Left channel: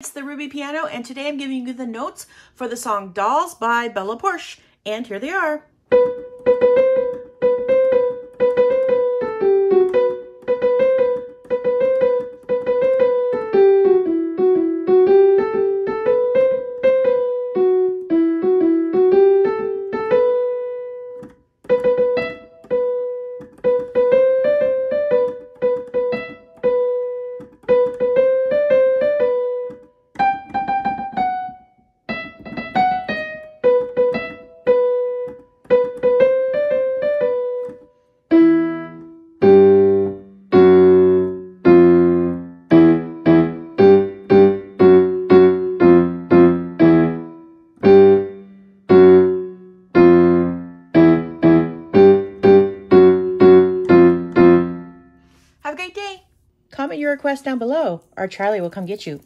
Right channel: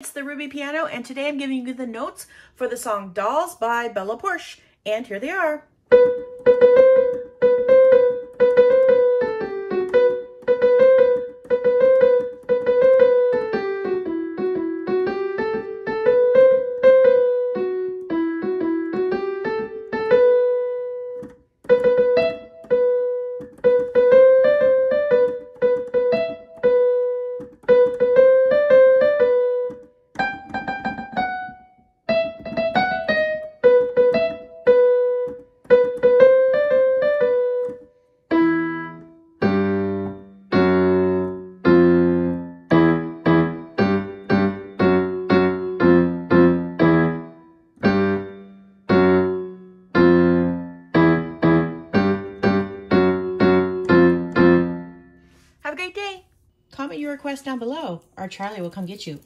It's the Ruby Piano, and today I'm giving you the notes for the song Dolls by Bella Poarch, and here they are. Have a great day. Comment your request down below, or Charlie will come get you.